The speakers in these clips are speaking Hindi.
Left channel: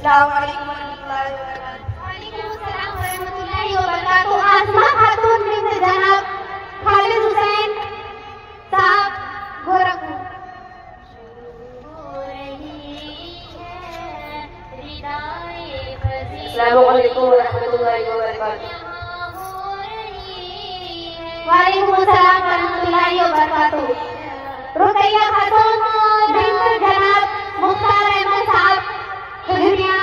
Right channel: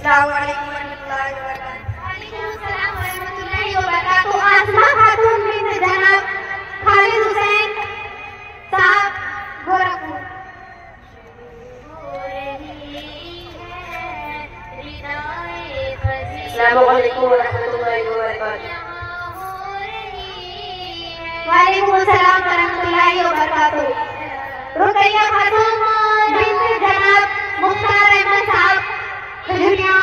अस्सलाम वालेकुम वरहमतुल्लाहि वबरकातुहू। वालेकुम अस्सलाम वरहमतुल्लाहि वबरकातुहू। आसमा खातून बिन्त जनाब खालिद हुसैन साहब गोरखपुर। अस्सलाम वालेकुम वरहमतुल्लाहि वबरकातुहू। वालेकुम अस्सलाम वरहमतुल्लाहि वबरकातुहू। रुकैया खातून बिन्त जनाब मुख्तार अहमद साहब दुनिया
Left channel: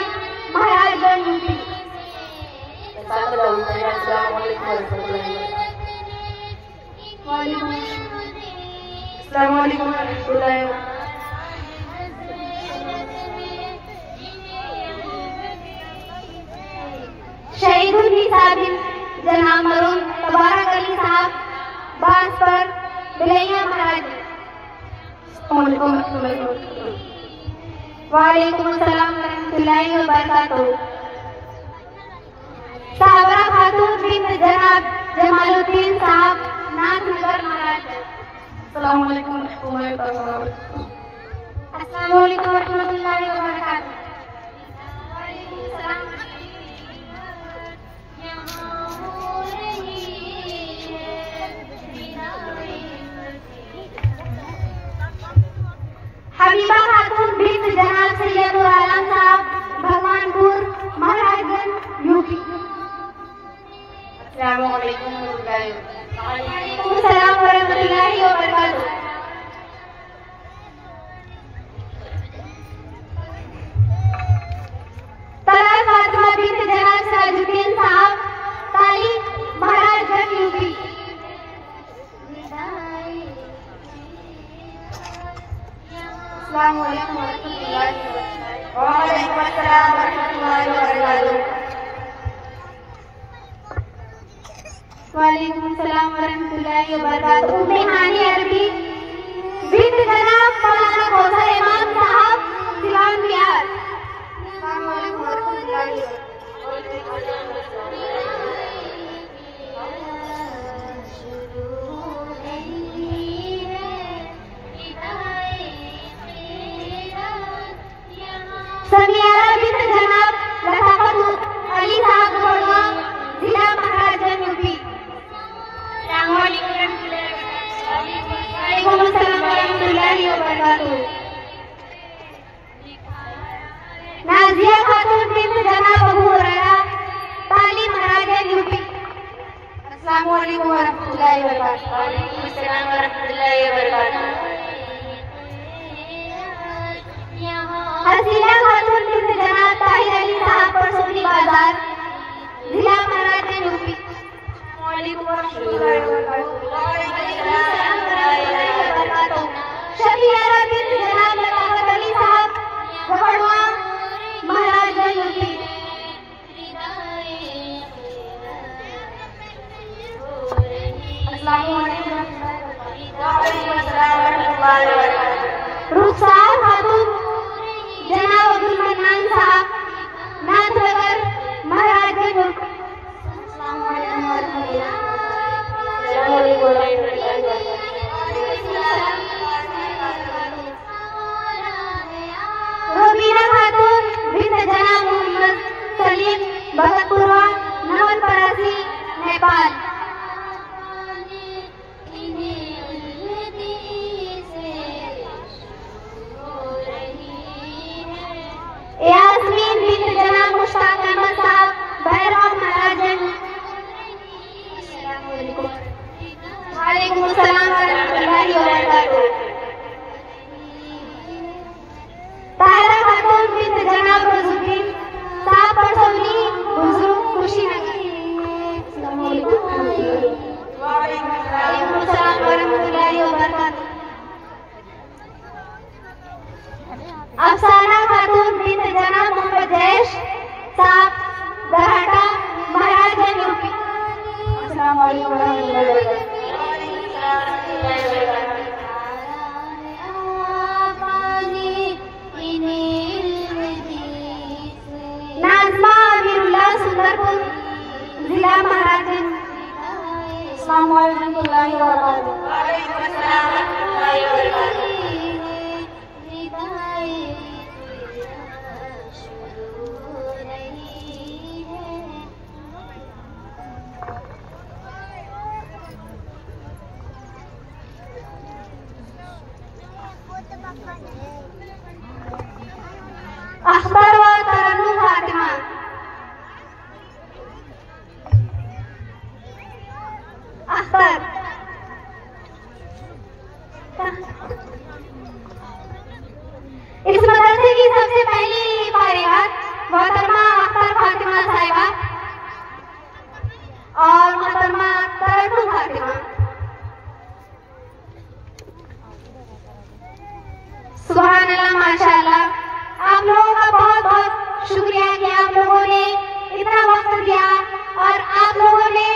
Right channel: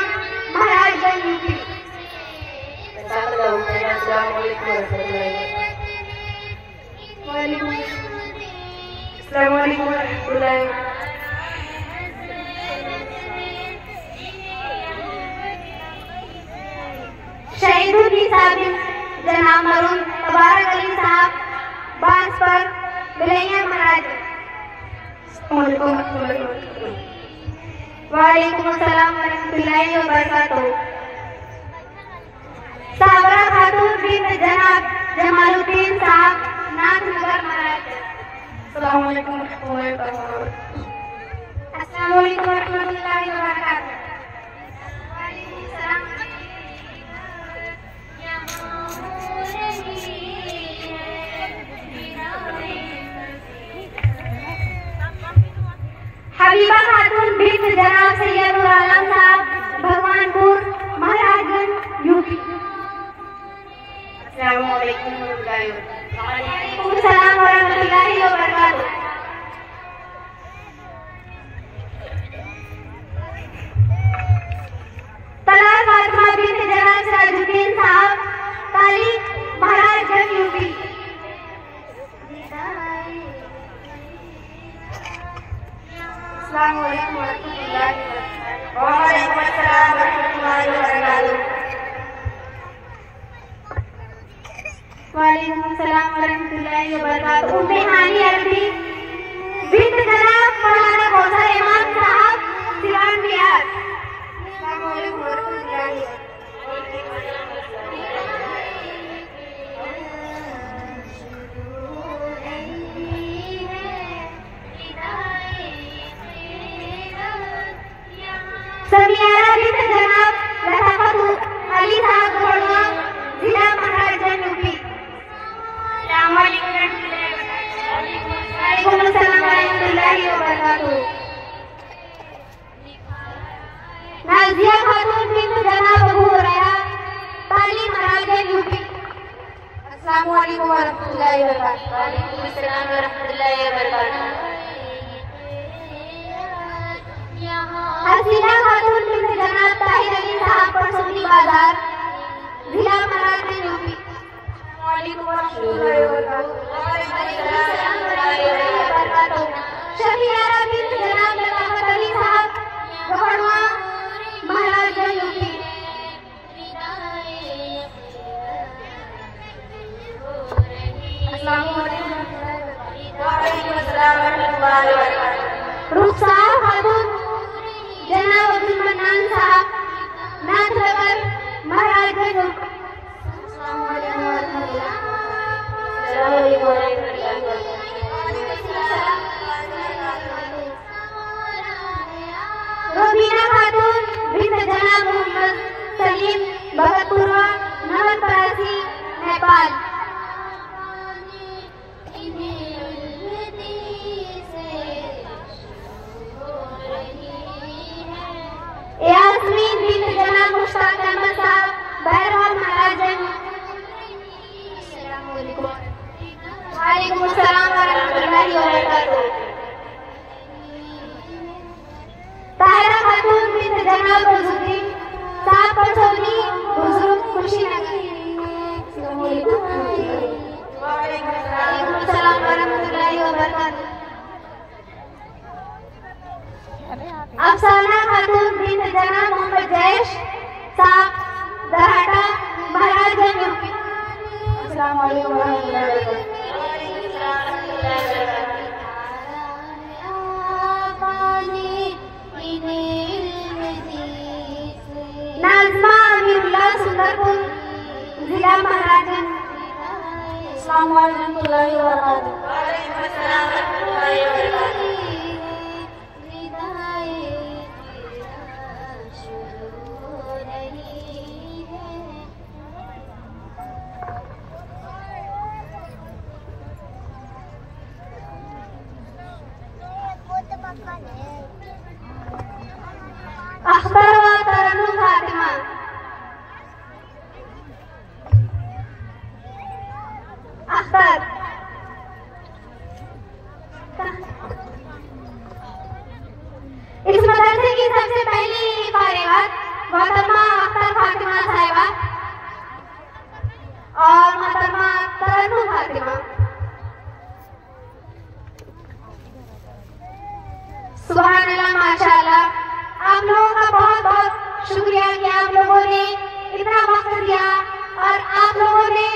महाराजगंज यूपी। अस्सलाम वालेकुम वरहमतुल्लाहि वबरकातुहू। अस्सलाम वालेकुम वरहमतुल्लाहि वबरकातुहू। शहीदुल निसा बिन जनाब मरूम मुबारक अली साहब बांसपर बिलैया महाराज। वालेकुम अस्सलाम वरहमतुल्लाहि वबरकातुहू। साबरा खातून बिन्त जनाब जमालुद्दीन साहब नाथनगर महाराज। अस्सलाम वालेकुम वरहमतुल्लाहि वबरकातुहू। अस्सलाम वालेकुम वरहमतुल्लाहि वबरकातुहू। वालेकुम अस्सलाम। हबीबा खातून बिन्त जनाब सैयदुल आलम साहब भगवानपुर महाराजगंज यूपी। अस्सलाम वालेकुम वरहमतुल्लाहि वबरकातुहू। वालेकुम अस्सलाम वरहमतुल्लाहि वबरकातुहू। तलत फातिमा बिन्त जनाब सिराजुद्दीन साहब ताली महाराजगंज यूपी। अस्सलाम वालेकुम वरहमतुल्लाहि वबरकातुहू। वालेकुम अस्सलाम वरहमतुल्लाहि वबरकातुहू। वालेकुम अस्सलाम वरहमतुल्लाहि वबरकातुहू। बिहानी अरबी बिन्त जनाब मौलाना कौसर इमाम साहब सिवान बिहार। अस्सलाम वालेकुम वरहमतुल्लाहि समियारा बिन्त जनाब लताफत अली साहब गोड़वा जिला महाराजगंज यूपी। अस्सलाम वालेकुम वरहमतुल्लाहि वबरकातुहू। वालेकुम अस्सलाम वरहमतुल्लाहि वबरकातुहू। नाजिया खातून बिन्त जनाब अबू हुरैरा ताली महाराजगंज यूपी। अस्सलाम वालेकुम वरहमतुल्लाहि वबरकातुहू। वालेकुम अस्सलाम वरहमतुल्लाहि वबरकातुहू। हसीना खातून बिन्त जनाब ताहिर अली साहब परसौनी बाजार जिला महाराजगंज यूपी। वालेकुम वरहमतुल्लाहि वबरकातुहू। शफियारा बिन्त जनाब लताफत अली साहब गढ़वा महाराजगंज यूपी। अस्सलाम वालेकुम वरहमतुल्लाहि वबरकातुहू। रुखसार खातून जनाब अब्दुल मन्नान साहब नाथनगर महाराजगंज यूपी। अस्सलाम वालेकुम वरहमतुल्लाहि वबरकातुहू। रुबीना खातून बिन्त जनाब मोहम्मद सलीम भगतपुरवा नवलपरासी नेपाल। यास्मीन बिन्त जनाब मुश्ताक अहमद साहब भैरवा महाराजगंज। अस्सलाम वालेकुम। वालेकुम अस्सलाम वरहमतुल्लाहि वबरकातुहू। ताहिरा खातून बिन्त जनाब रज़ुद्दीन साहब परसौनी हुजूर कुशीनगर। अस्सलाम वालेकुम। वालेकुम अस्सलाम वरहमतुल्लाहि वबरकातुहू। अफसाना खातून बिन्त जनाब मोहम्मद जैश साहब दराटा महाराजगंज यूपी। अस्सलाम वालेकुम वरहमतुल्लाहि वबरकातुहू। नाज़मा अमीरुल्लाह सुंदरपुर जिला महाराजगंज। अस्सलाम वालेकुम वरहमतुल्लाहि वबरकातुहू। वालेकुम अस्सलाम वरहमतुल्लाहि वबरकातुहू। माशाअल्लाह। आप लोगों का बहुत बहुत शुक्रिया कि आप लोगों ने इतना वक्त दिया और आप लोगों ने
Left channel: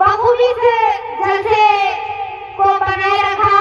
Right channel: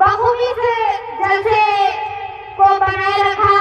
बखूबी से जलसे को बनाए रखा